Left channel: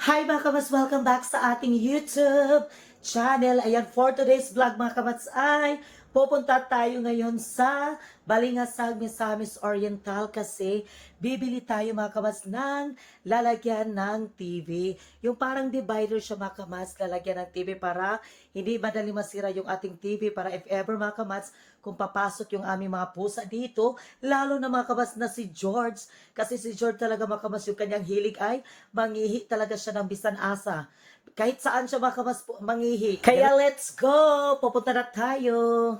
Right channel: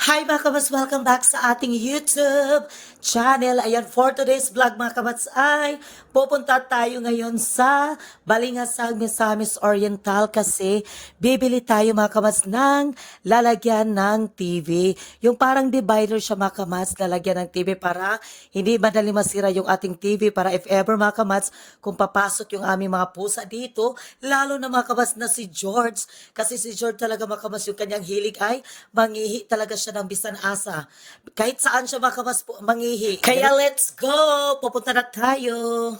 Hi mga kabats! Welcome back sa ating YouTube channel. Ayan, for today's vlog mga kabats ay pupunta tayo ngayon sa Balingasag, Misamis Oriental kasi bibili tayo mga kabats ng lalagyan ng TV. Yung parang divider siya mga kabats, lalagyan ng TV para hindi madali masira yung ating TV, para if ever mga kabats, kung papasok yung aming mga pusa dito, lalo na mga kabats na si George. Kasi si George talaga mga kabats, yung kanyang hilig ay mangihi talaga siya ng bisan asa. Kahit saan siya makamas mangihi. Kaya let's go! Pupunta na tayo!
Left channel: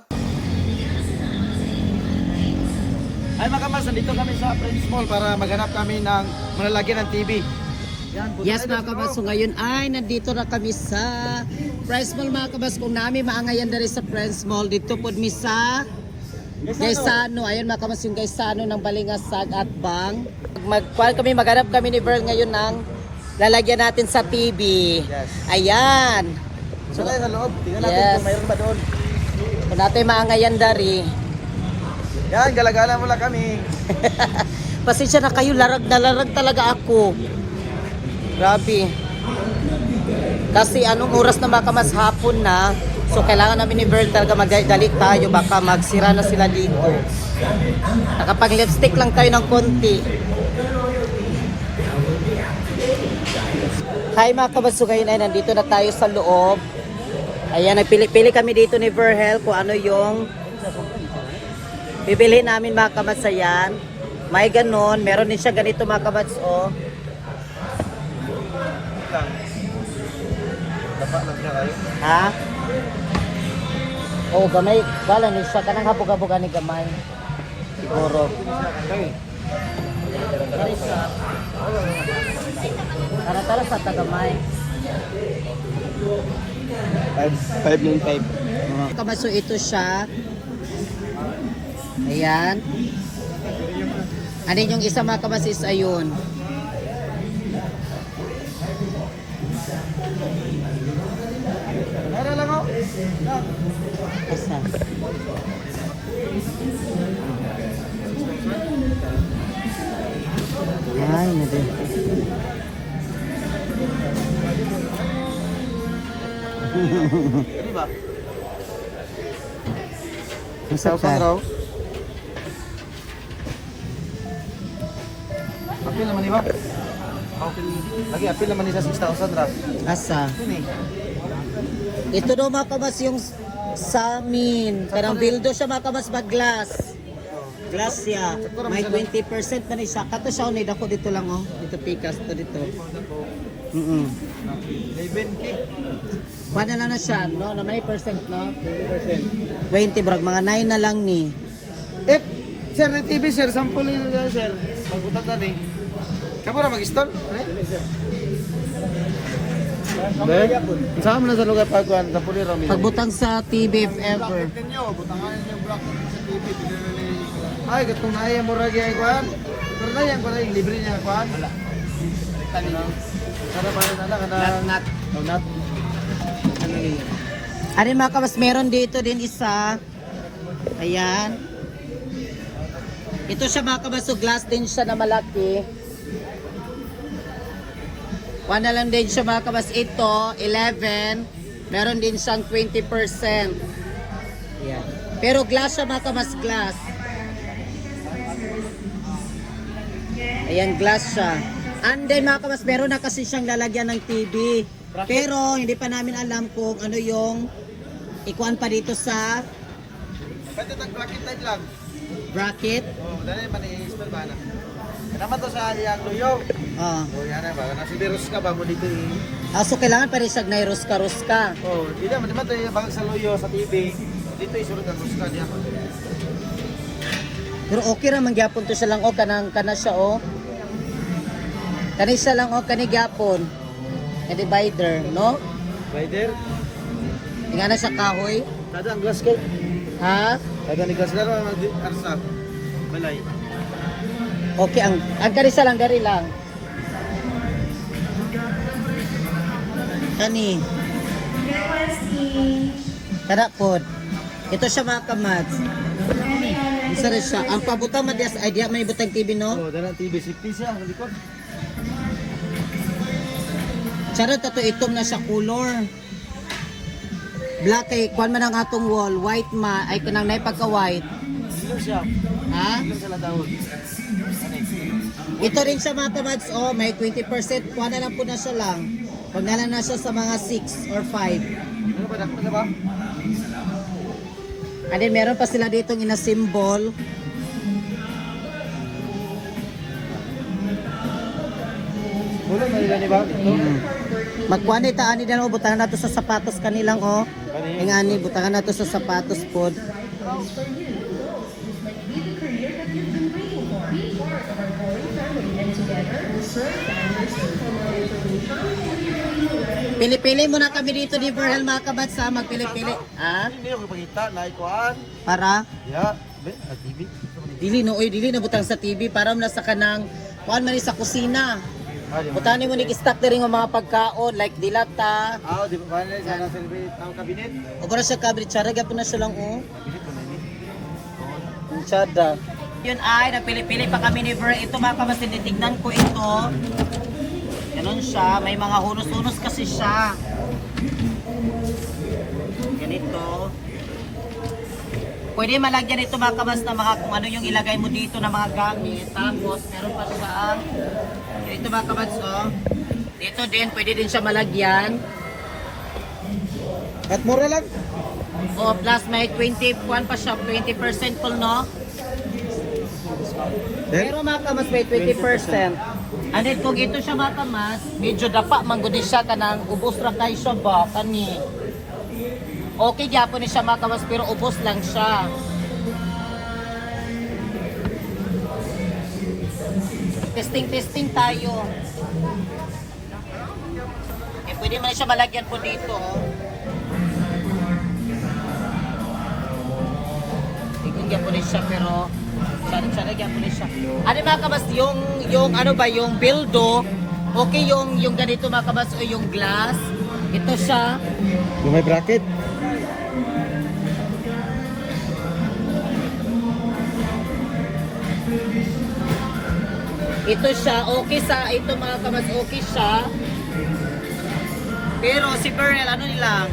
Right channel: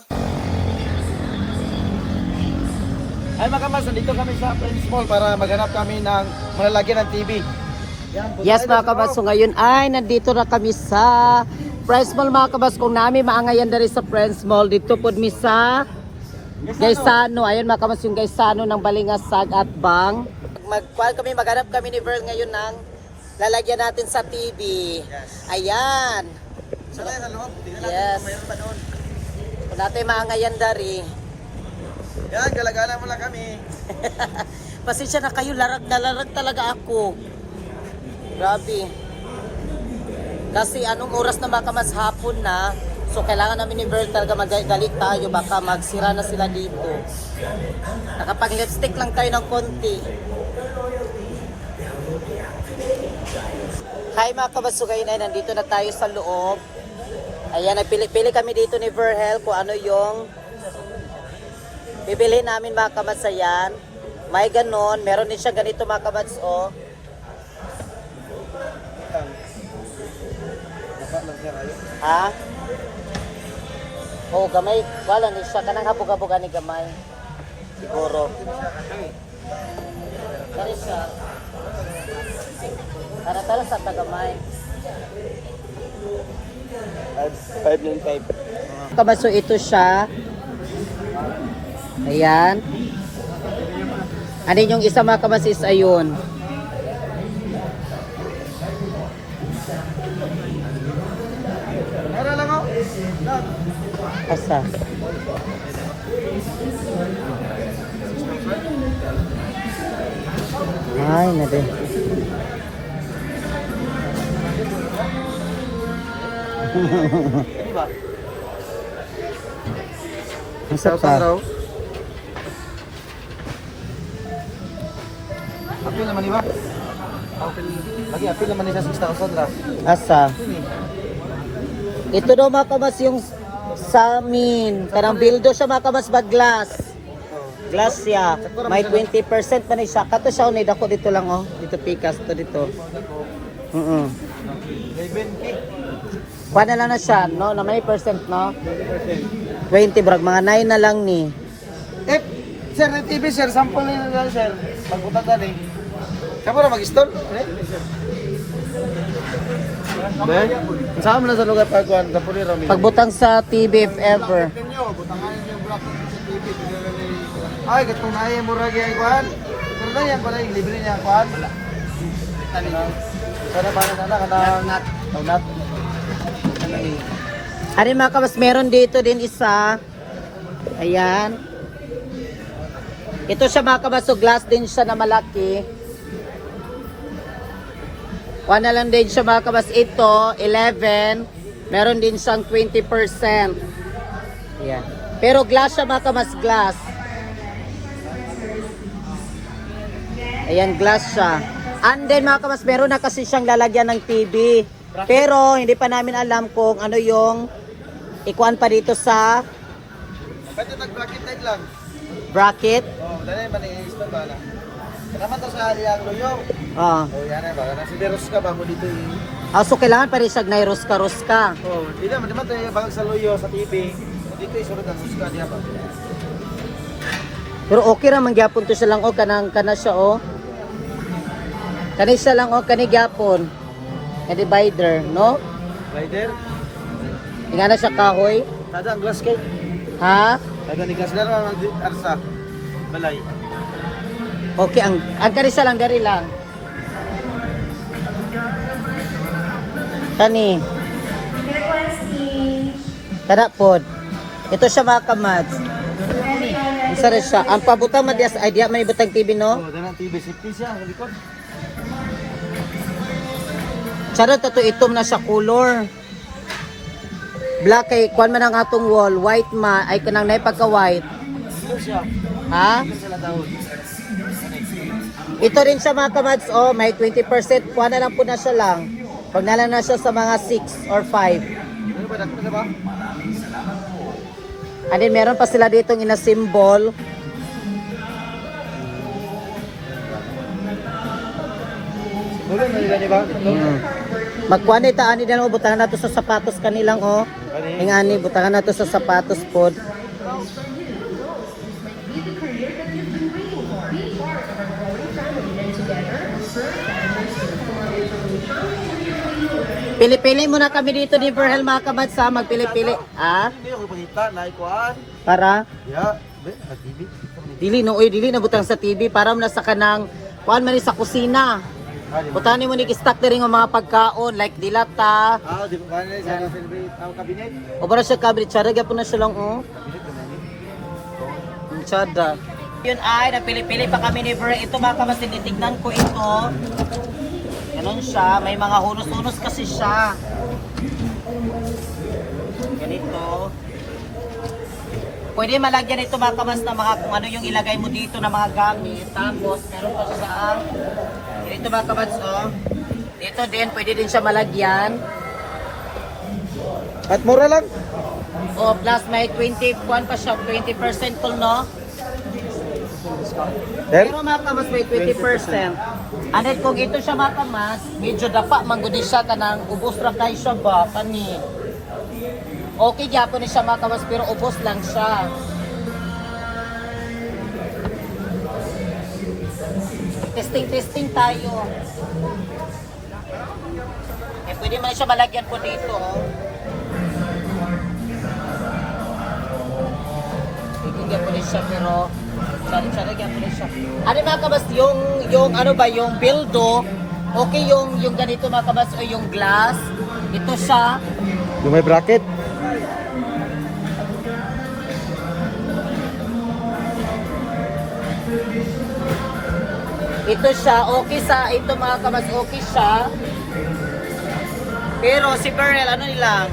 Ay mga kamas, nandito kami sa Friends Mall para maghanap kami ng malalagyan ng TV. Yan, Yes mga kabas, so ngayon ay nandito na kami sa Friends Mall mga kabas. Kung namin maangayan na rin sa Friends Mall, dito po mi sa Gaisano. Ayun mga kabas, yung Gaisano ng Balingasag at Bang. Maghanap kami ni Verl ngayon ng lalagyan natin sa TV. Yes. Ayan. So tayo sa loob, tingnan natin Yes. kung mayroon ba doon. Kung natin maangayan na rin. Yan, galagala mo lang kami. Pasensya na kayo, larag na larag talaga ako. Grabe. Kasi anong oras na baka mas hapon na, so kailangan namin ni Verl talaga magdalik tayo, baka magsira na sila dito. Nakapag lipstick lang tayo ng konti. Hi mga kabaso, ngayon ay nandito na tayo sa loob. Ayan, nagpili-pili kami dito ni Verhel kung ano yung bibili namin mga kabats. Ayan. May ganon. Meron din siya ganito mga kabats. Oh. Ha? Oh, gamay. Gala ni siya. Kanang habog-haboga ni gamay. Siguro. Kana talo sa tagamay. 5 tape. Kabaso ito siya. Ayan. Ano yung isa mga kabasis? Ayun. Meron lang ako. Asa? Ay, nade. Di ba? Masap Sa ka. raw. Apil naman di ba? Lagi apil naman ni sa 6,000 ra. Asa? Sini. Ito daw mga kabas yung sa amin. Kanang bildo siya mga kabas ba glass. Glass siya. May 20% pa na siya. Kato siya unay dako dito lang oh. Dito pikas to dito. May 20. Kuha na lang na siya, no? Na may percent, no? 20 brag, mga 9 na lang ni. Eh, sir, yung TV sir, sample na lang sir. Pagbutan na rin. Kamu na mag-install? Dahil, saan mo na sa lugar pagkuhan, kapuli rami. Pagbutang sa TV if ever. Butangan yung bracket sa TV. Ay, katong naya mo ragi ang kuhan. Pero na yan, pala yung libre niya ang kuhan. Sana ba na kanang nat. Ano mga kabas, meron dito din isa. Ayan. Ito siya mga kabas, so glass din siya na malaki. One na lang din siya mga kabas. Ito, 11. Meron din siyang 20%. Ayan. Pero glass siya mga kabas, glass. Ayan, glass siya. And then mga kabas, meron na kasi siyang lalagyan ng TV. Pero hindi pa namin alam kung ano yung ikuan pa dito sa Pwede tag-bracket type lang. bracket. Dahil man i-install ba na. Kanaman to sa aliyang luyo. Oh. Yan na ba? Nasi Deros ka ba mo dito yung... So kailangan pa rin siya na ruska-ruska. Oh, hindi naman tayo bagag sa luyo sa TV. Dito isunod ang ruska diya ba. Pero okay ra man gyapon to siya lang o kanang kana siya o. Kani siya lang o kani gyapon. Kani divider, no? Rider, Ingana siya kahoy. tada ang glass cake. Ha? Pwede ni glass laro ang karsa. Balay. Okay, ang gari siya lang gari lang. Kani. Kada pod. Ito siya mga kamads. Isa rin siya. Ang pabutang madias ay diya may butang TV, no? Oh, dala TV safety siya sa likod. Charot to itom na siya color. Black kay kuan man ang atong wall, white ma ay kanang nay pagka white. Sino siya? Ha? Sino sila daw? Ito rin siya mga kamads, oh, may 20%. Kuha na lang po na siya lang. Pag nalang na siya sa mga 6 or 5. Ano ba? Dakot na ba? And then meron pa sila ditong ina-symbol. Wala na ilan ba? Magkuha na itaan nila, oh, butangan nato sa sapatos kanilang, oh. Ingani, butangan nato sa sapatos pod. Pili-pili muna kami dito ni Verhel mga kamads ha, magpili-pili. Ah? Hindi ako pagkita na ikuan. Para? Ya, be, sa TV. Dili no, dili na butang sa TV para mo na sa kanang kuan man ni sa kusina. Butani mo ni stock diri nga mga pagkaon like dilata. Ah, di ba ni sa celebrate ang cabinet? O para siya kabrit siya, po na siya lang oh. Cabinet ko ni. Sada. Yun ay, napili-pili pa kami ni Ver. Ito mga kamads, tinitignan ko ito. Ganon siya, may mga hunos-hunos kasi siya. Ganito. Pwede malagyan ito mga kamads na mga kung ano yung ilagay mo dito na mga gamit. Tapos, meron pa siya ang ganito mga kamads, oh. Dito din, pwede din siya malagyan. At mura lang. O, plus may 21 pa siya, 20% full, no? Pero mga kamas may 20%. And then kung ito siya mga kamas, medyo dapa mangguni siya kanang ubos ra kay siya ba kani. Okay gyapon ni siya mga kamas pero ubos lang siya. Testing tayo. Eh pwede man siya malagyan po dito. Tignan po rin siya pero Sorry, siya. Ano mga kabas, yung ano ba, yung bildo, okay yung ganito mga kabas, o yung glass, ito siya. Yung may bracket. Ito siya, okay sa, ito mga kabas, okay siya. Pero si Bernal, ano nilang?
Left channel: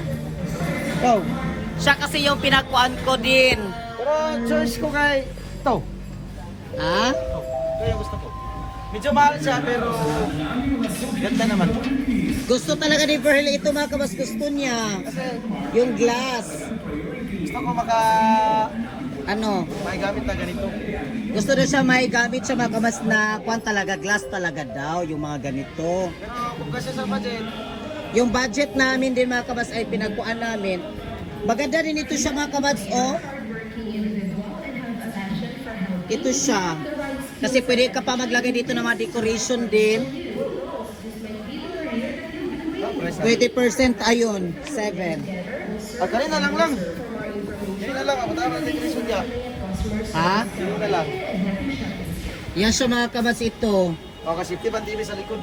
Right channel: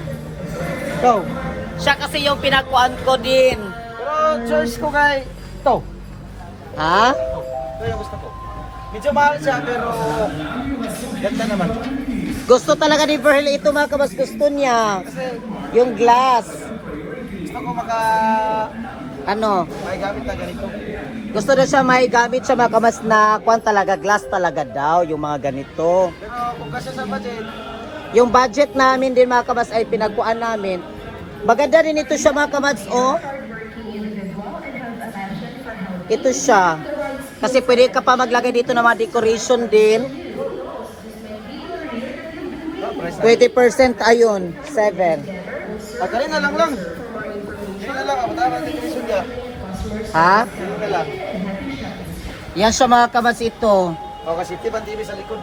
Ikaw. Siya kasi yung pinakuan ko din. Pero choice ko kay ito. Ha? Ito yung gusto ko. Medyo mahal siya pero ganda naman. Gusto talaga ni Verhel ito mga kabas, gusto niya. Kasi Yung glass. gusto ko Ano? may gamit na ganito. Gusto na siya may gamit siya mga kamas na kwan talaga, glass talaga daw, yung mga ganito. Pero kung kasi sa budget, Yung budget namin din mga kamas ay pinagkuan namin. Maganda rin ito siya mga kamas, oh. Ito siya. Kasi pwede ka pa maglagay dito ng mga decoration din. price 20% ayun, 7. kanina lang. Kanina lang, ang matama ang decoration niya. Ha? Kanina lang. Yan siya mga kamas ito. O, kasi tiban TV sa likod.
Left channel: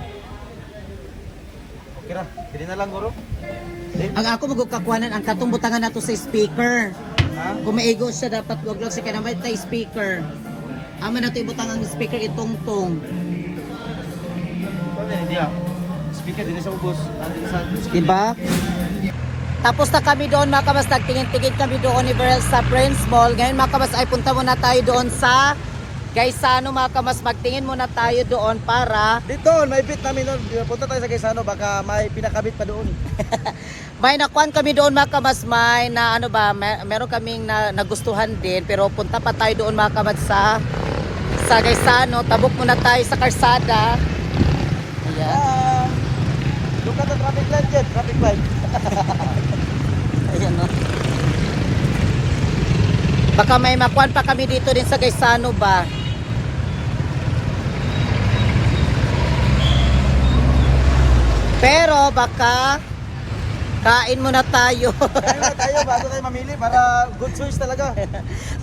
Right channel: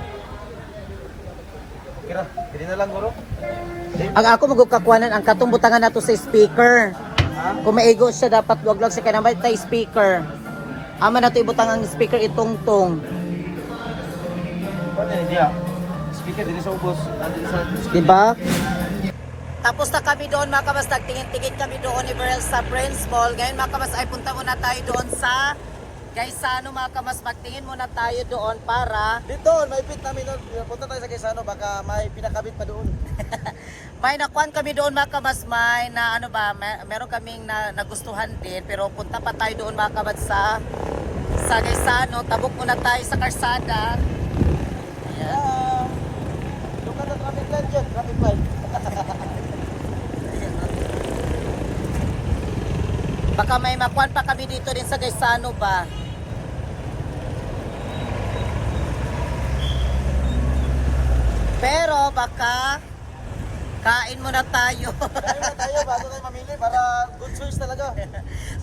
Kira, kanina lang guro. Ang ako magkukakuanan ang katong butangan nato sa speaker. Ha? Kung maigo siya dapat wag lang siya kanang tay speaker. Ama nato ibutang ang speaker itong-tong. Ano yun, dia? Speaker din sa ubos. Nandito sa speaker. Diba? Tapos na kami doon mga kamas, nagtingin-tingin kami doon ni Verhel sa Friends Mall. Ngayon mga kamas ay punta muna tayo doon sa Gaisano mga kamas. Magtingin muna tayo doon para Dito, may bit namin nun. Punta tayo sa Gaisano, baka may pinakabit pa doon. may nakuan kami doon mga kamas. May na ano ba, meron kaming nagustuhan din. Pero punta pa tayo doon mga kamas sa Gaisano. Tabok muna tayo sa Karsada. Ayan. Look at the traffic light dyan, traffic light. Ayan, no? Baka may makuan pa kami dito din sa Gaisano ba? Pero baka kain muna tayo. Kaya na tayo bago tayo mamili para good choice talaga.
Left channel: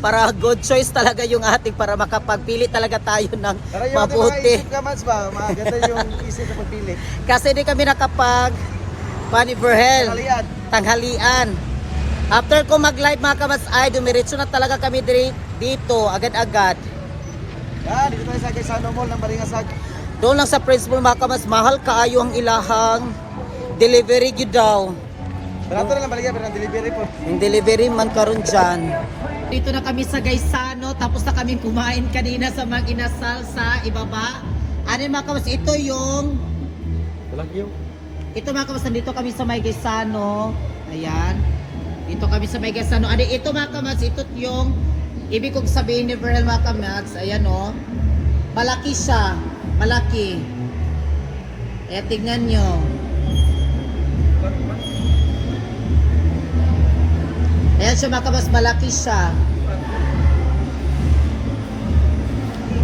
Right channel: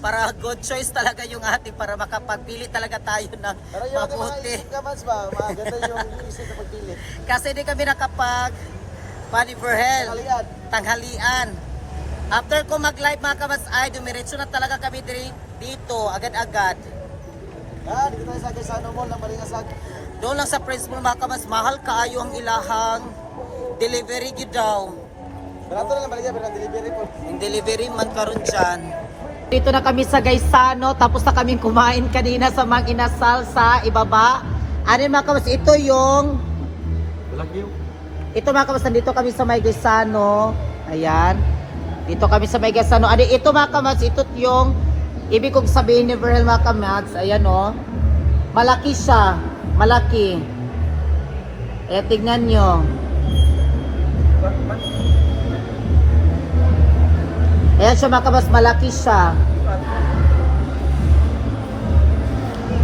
Para good choice talaga yung ating para makapagpili talaga tayo ng Para yung ating mga mabuti. isip ka, Mads ba? Maganda yung isip na pagpili. Kasi di kami nakapag Pani Verhel. Kalian. Tanghalian. After ko mag-live mga kamas ay dumiretso na talaga kami dito agad-agad. Yan, dito tayo sa Gaisano Mall ng Baringasag. Doon lang sa principal mga kamas, mahal kaayo ang ilahang Delivery gyud daw. Barato na lang baligya pero ang delivery po. Yung delivery man karon dyan. Dito na kami sa Gaisano, tapos na kaming kumain kanina sa Mang Inasal sa ibaba. Ano yung mga kamas, ito yung... Ito mga kamas, nandito kami sa May Gaisano. Ayan. Dito kami sa May Gaisano. Ano, ito mga kamas, ito yung... Ibig kong sabihin ni Verl mga kamas, ayan o. Malaki siya. Malaki. Ayan, tignan nyo. Ayan siya mga kamas, malaki siya.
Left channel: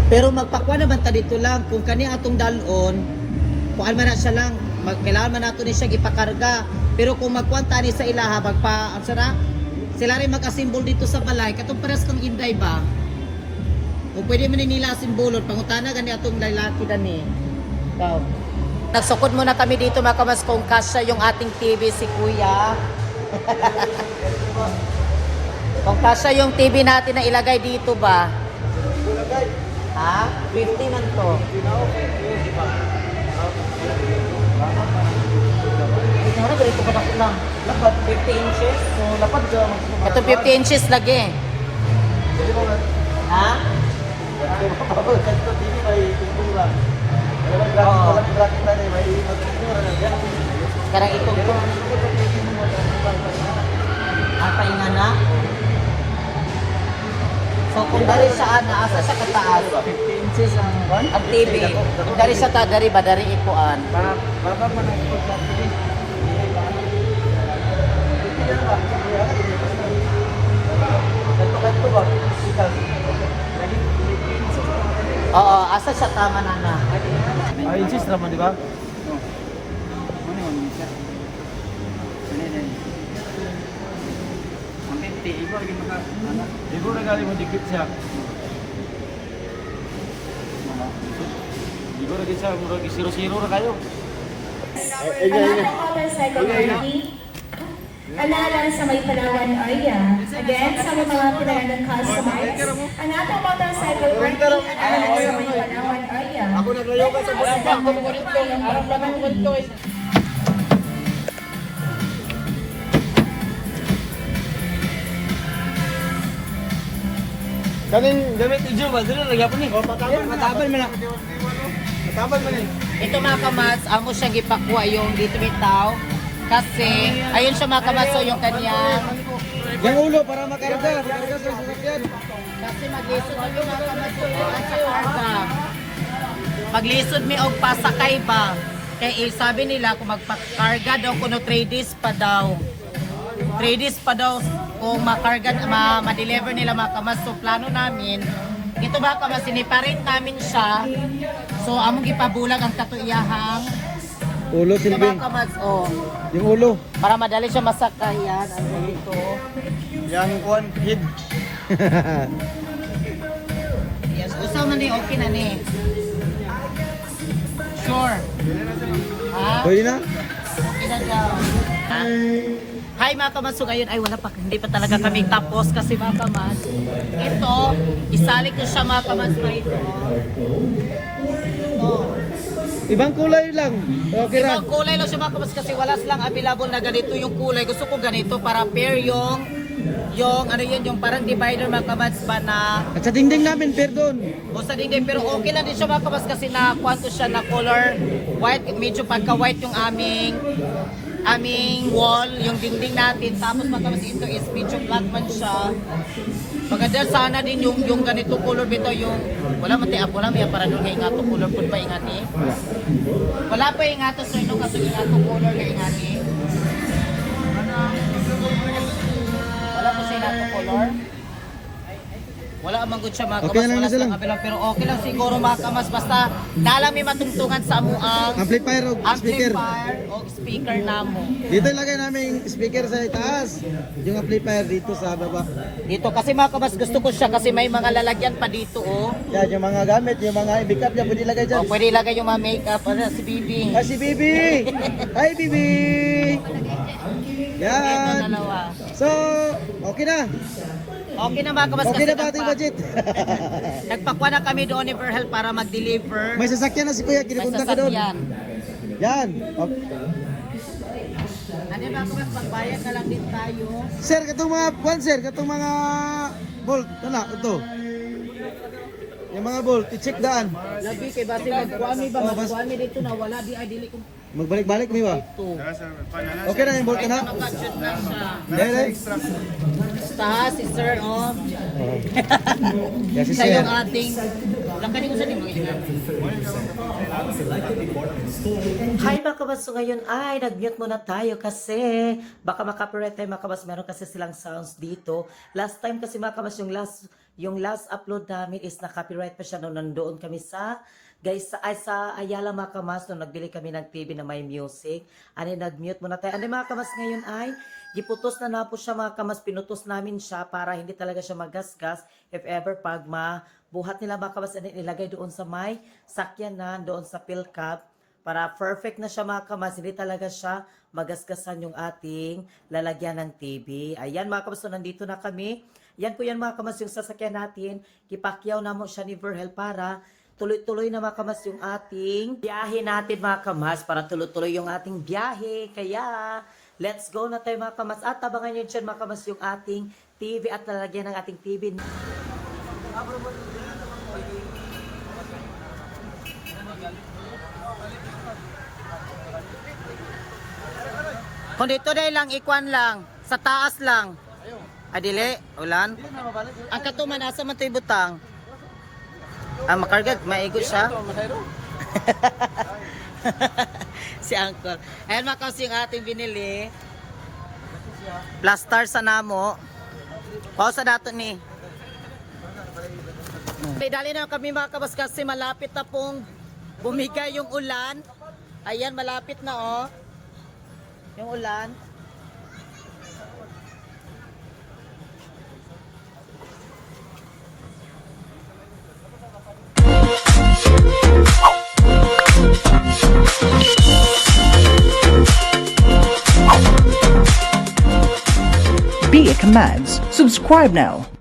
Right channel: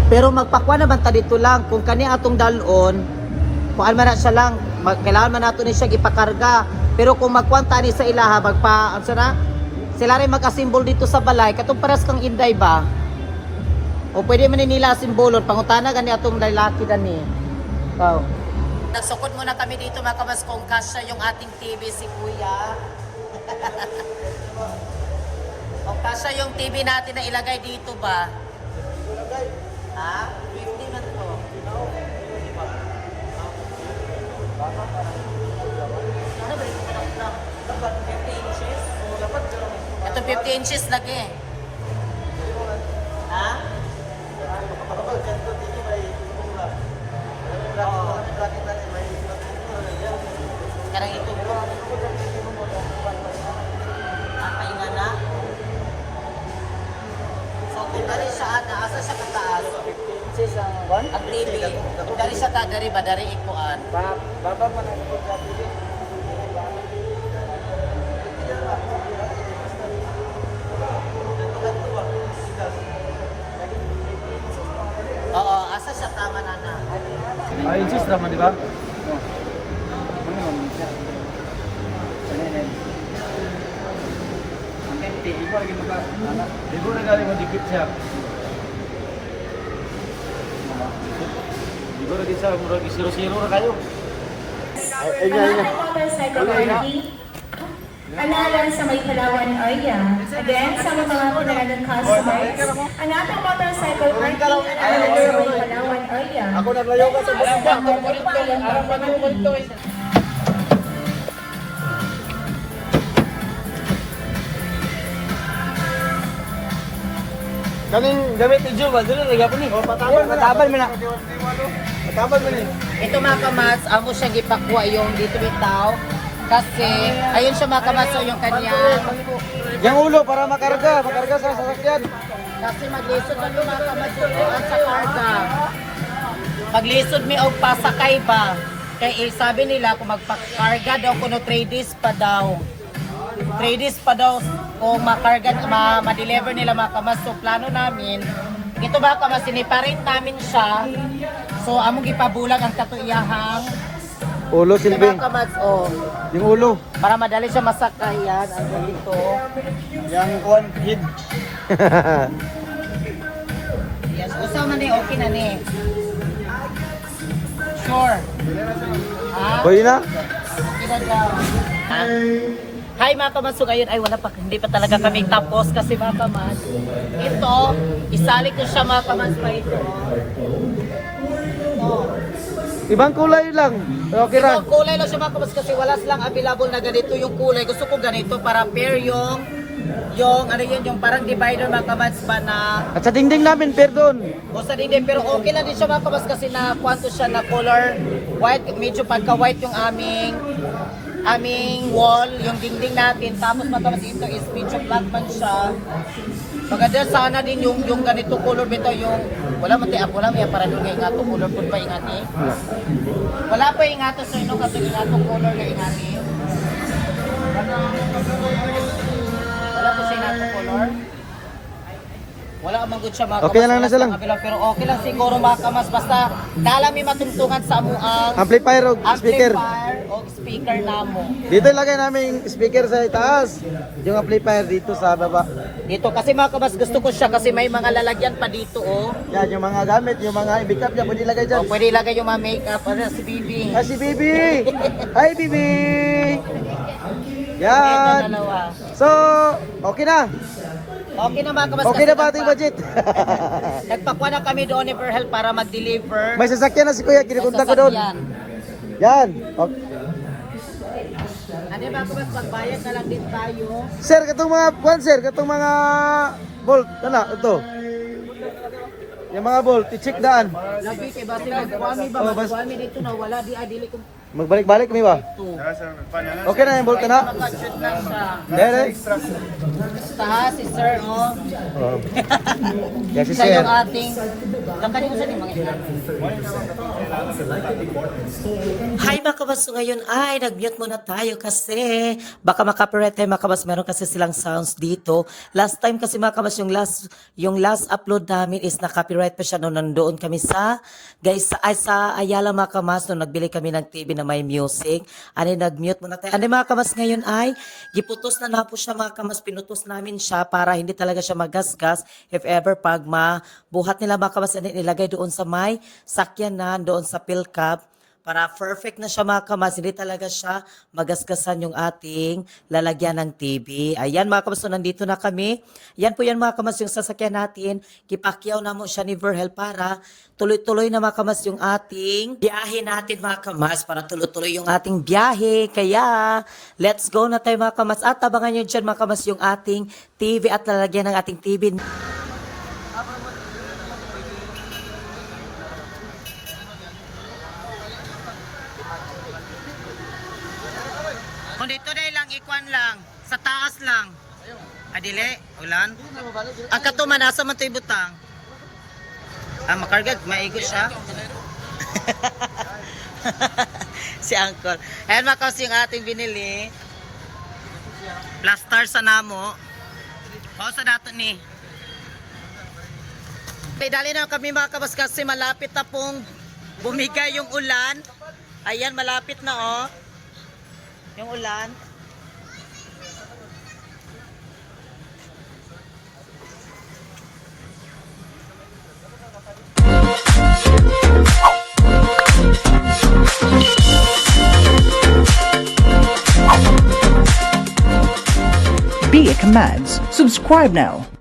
Pero magpakwa naman ta dito lang. Kung kani atong dalon, kung man na siya lang, kailangan man nato ni siya ipakarga. Pero kung magkwanta ni sa ilaha, ano siya na? Sila rin mag-asimbol dito sa balay. Katong paras kang inday ba? O pwede man nila simbolon. Pangutana gani atong lalaki dani. Wow. Nagsukod muna kami dito mga kamas kung kasya yung ating TV si Kuya. Kung kasya yung TV natin na ilagay dito ba? Ha? 50 man to. Hindi na ganito pa na lang. Lapad 50 inches. So lapad ka. Ito 50 inches lagi. Ha? Karang itong to. Ang painga na. So kung dari siya asa siya kataas. 50 inches ang TV. Kung dari siya ta dari ba dari ikuan. Oo, asa siya tama na na. Ay, inches naman, di ba? Ibu na galing mo dikit siya. Ibu na din siya, murag 0-0 na kayo. Motorcycle party. Alaala sa may Palawan area. Again, sa mga kailangan customers, ang ating motorcycle party alaala sa may Palawan area. Ako naglayo ka sa kanin gamit ni Joe, dito nagyapon ni. Patabal mo na. Patabal mo ni. Ito mga kamats, amo siya gipakwa yung dito bitaw. Kasi, ayun siya mga kamats, so yung kanyang. Yang ulo para makarga sa sasakyan. Kasi maglisod na yung mga kamats yung sa karga. Paglisod mi og pasakay ba? Kaya sabi nila kung magpakarga daw kuno 3 days pa daw. 3 days pa daw kung makarga, ma-deliver nila mga kamas. So plano namin, ito ba kamas, siniparate namin siya. So among ipabulag ang katuiyahang Ulo ito silbing. mga kamas, oh. Yung ulo. Para madali siya masakay yan. Ang dito. Yang kuan hid. Yes, usaw na ni, okay na ni. Sure. Ha? Pwede na? Okay na daw. Ha? Hi mga kamas, so ngayon ay wala pa, hindi pa talaga kami tapos kasi mga kamas. Ito, isalik ko siya mga kamas pa ito. Ito. Ibang kulay lang. Okay ra. Ibang kulay lang siya mga kamas kasi wala silang available na ganito yung kulay. Gusto ko ganito para pair yung ano yun, yung parang divider mga kamas ba na At sa dingding namin, perdon. o sa dingding, pero okay lang din siya mga kamas kasi na kwanto siya na color white, medyo pagka white yung aming wall, yung dingding natin. Tapos matamas ito is medyo black man siya. Maganda sana din yung ganito color bito yung wala man tayo wala may para doon nga to color pud pa ingati. Wala pa ingato sa inyo kasi ingato color na ingati. Wala po sa ingato color. Wala amang good siya mga Okay na lang kamas, na siya lang. wala pero okay lang siguro mga kamas basta dala mi matungtungan sa amuang Amplifier o speaker. amplifier o speaker namo. Dito ilagay namin yung speaker sa itaas. Yung amplifier dito sa baba. Dito kasi mga kamas gusto ko siya kasi may mga lalagyan pa dito oh. Yan, yung mga gamit, yung mga backup niya, pwede ilagay dyan. O pwede ilagay yung mga makeup si Bibi. Ay, si Bibi! Hi, Bibi! Ito Yan! dalawa. So, okay na. Okay na mga kamas. Okay kasi na ba ating budget? Nagpakwa na kami doon ni Verhel para mag-deliver. May sasakyan na si Kuya, kinikunta ko doon. sasakyan. Yan. Okay. Ano ba kung mas magbayad na lang din tayo? Sir, katong mga kwan sir, katong mga bolt, ana ito. Yung mga bolt, i-check daan. Labi kay basi magkuami ba? Oh, bas- Magkuami dito na wala di adili ko. Magbalik-balik kami ba? Okay na yung bolt na? Makashoot na siya. Dere. Basta si sir, oh. Oh. Yes, si Siya sir. yung ating... Lakad mo sa ni mga ilan. Hi mga kabas, so ngayon ay nag-mute muna tayo kasi baka makapirate tayo mga kabas, meron kasi silang sounds dito. Last time kasi mga kabas, yung last upload namin is na-copyright pa siya nung nandoon kami sa sa Ayala mga kabas, nung nagbili kami ng TV na may music. Ano, nag-mute muna tayo. Ano mga kabas, ngayon ay giputos na po siya mga kabas, pinutos namin siya para hindi talaga siya magasgas if ever pag mabuhat nila mga kabas, nilagay doon sa may sakyanan, doon sa PhilCab. Para perfect na siya mga kamas, hindi talaga siya magasgasan yung ating lalagyan ng TV. Ayan mga kamas, so nandito na kami. Yan po yan mga kamas yung sasakyan natin. Kipakyaw na mo siya ni Verhel para tuloy-tuloy na mga kamas yung ating biyahe natin mga kamas. Para tuloy-tuloy yung ating biyahe. Kaya let's go na tayo mga kamas. At tabangan nyo dyan mga kamas yung ating TV at lalagyan ng ating TV. Kung dito na lang, ikuan lang. Sa taas lang. Adili, ulan. Ang katuman, asa man tayo butang? Ah, makargad, maigot siya. Si Angkor. Ayan mga kasi yung ating binili. Plaster sa namo. Pausa dato ni. Dali na kami mga kabas kasi malapit na pong bumigay yung ulan. Ayan, malapit na oh. Yung ulan. Be a Commands. Subscribe now.